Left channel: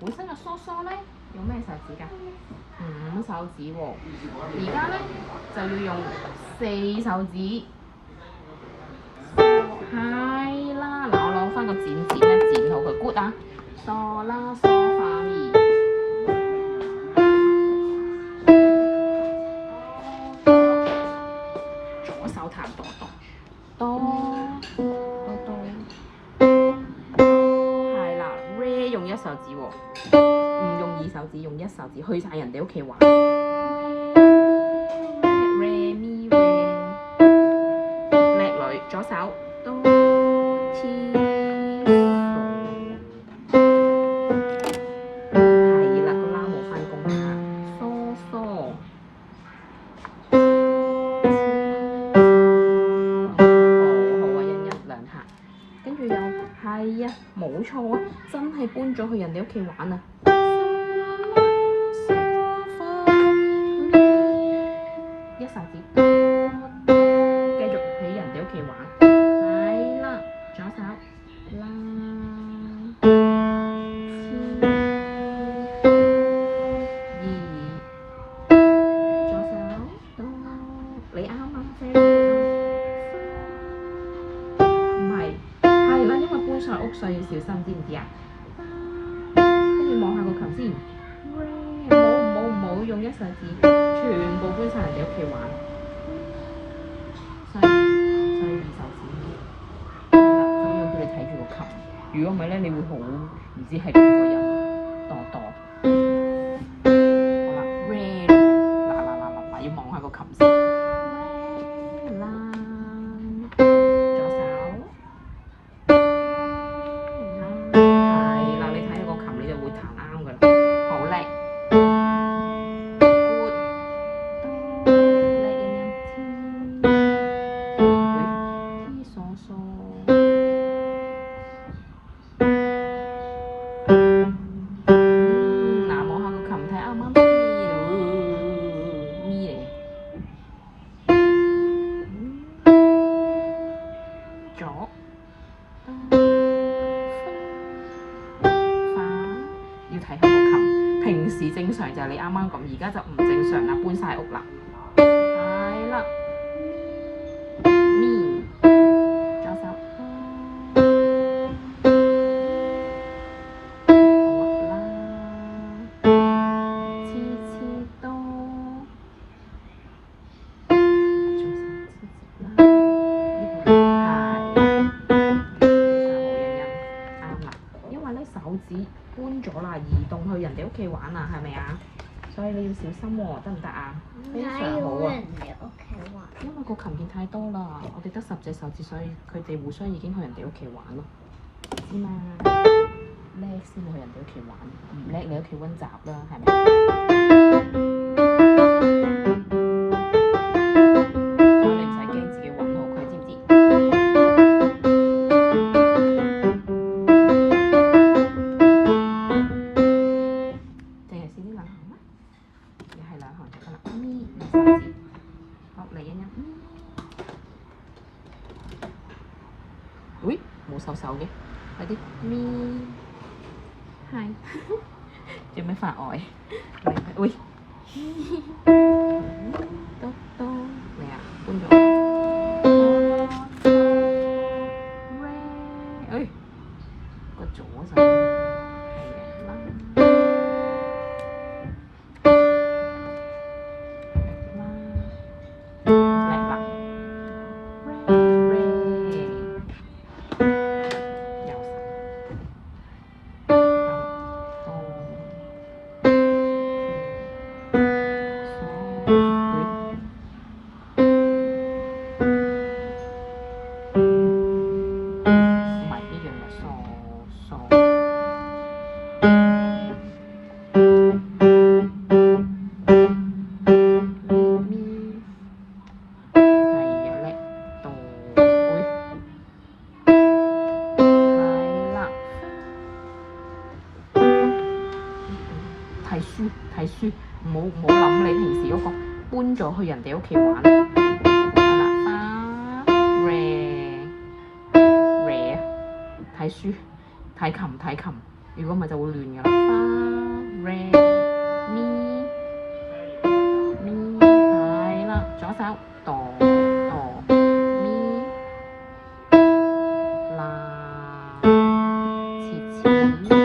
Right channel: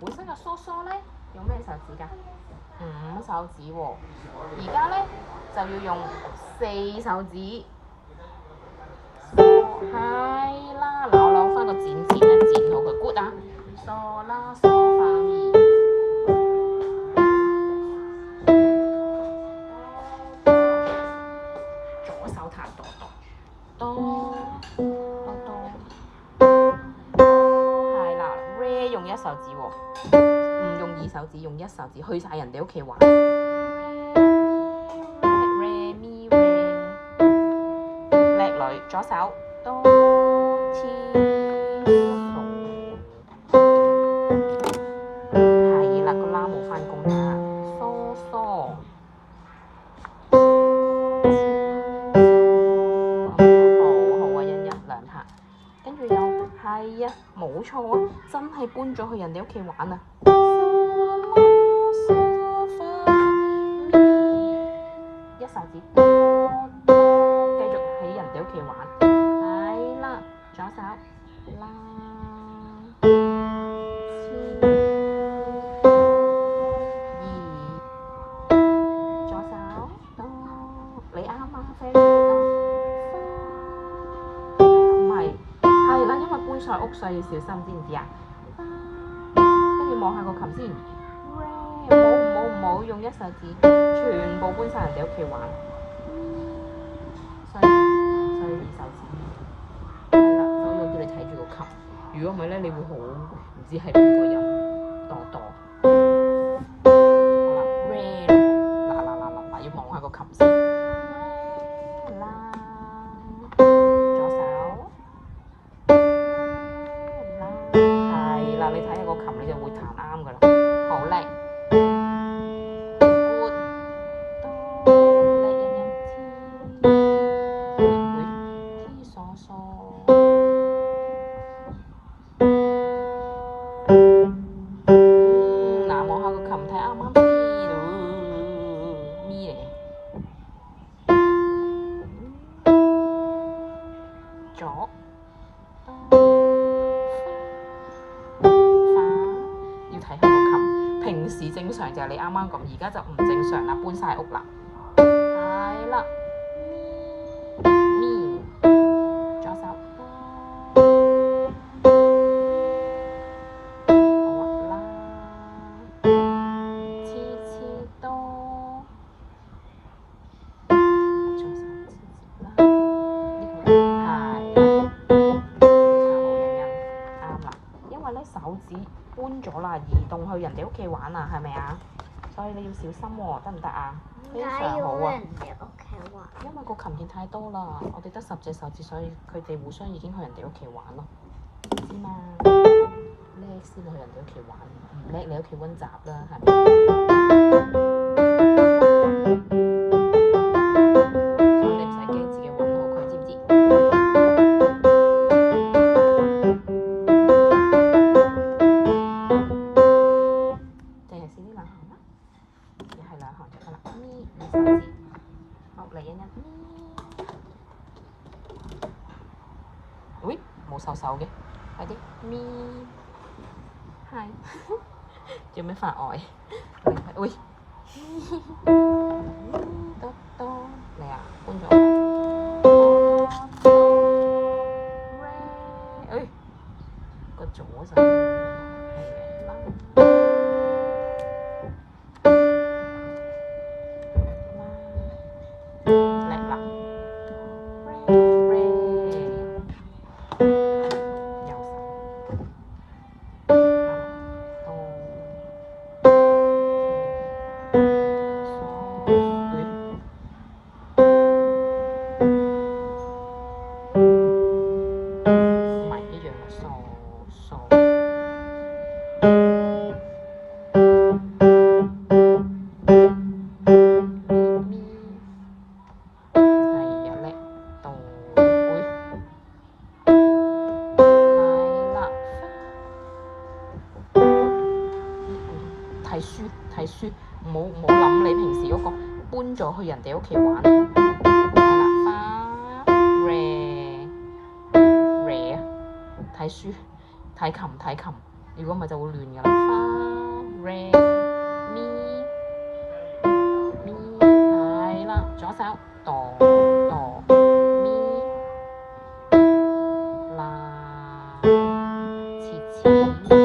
本身嘅梳梳咧用咩手指㗎？5手指喎，而家咧就要用4手指。係啦，嗱我攞翻個剪咧剪好佢 good 啊，梳啦梳發咪。左手彈哆哆哆哆哆，係啦 ，re 用1手指喎，唔用2手指，用1手指去晒人哋屋企玩。re mi re， 叻女，左手哆天係啦，個啦冇翻工啦，梳梳。跟住又係啊，冇錯啊，真係搬咗去人哋屋企玩啊！1手指，繼續喺人哋屋企玩，係啦，左手啦，左手哆，你啱啊，very good啊，唔係。係啦，因為搬晒屋，所以要小心，知唔知啊？跟住望下個琴先，唔好用1手指，全部搬晒人哋屋企玩，所以2手指。係啦，所以我叫你睇住個琴，如果唔係咧，你會好唔知係邊個音，哆哆。好啦，re 嗱，要望下個琴先。平時正常就係你啱啱咁，而家就唔正常啦，搬晒屋啦。係啦，咪左手，好啦，黐多，左手黐啦，呢個係好音音，啱啦，因為咧手指搬咗啦，移動去人哋屋企玩啊，係咪啊？所以你要小心喎，得唔得啊？非常好啊！因為個琴鍵太多啦，我哋得10隻手指，所以佢哋互相已經去人哋屋企玩咯，知嘛？叻先去人哋屋企玩，唔叻你屋企溫習啦，係咪？所以你唔使驚自己揾好佢，知唔知？定係試呢2行啊？又係2行就得啦，咪2手指，好嚟欣欣。喂，冇手嘅，快啲咪，係，做咩發呆？喂，多多嚟啊，搬咗啦，個左手係啦。睇書，唔好諗你平時嗰個搬咗去人哋屋企玩。係啦，花 re 睇書睇琴，如果唔係就會亂㗎啦。花 re mi mi 係啦，左手 do do mi 啦，切切。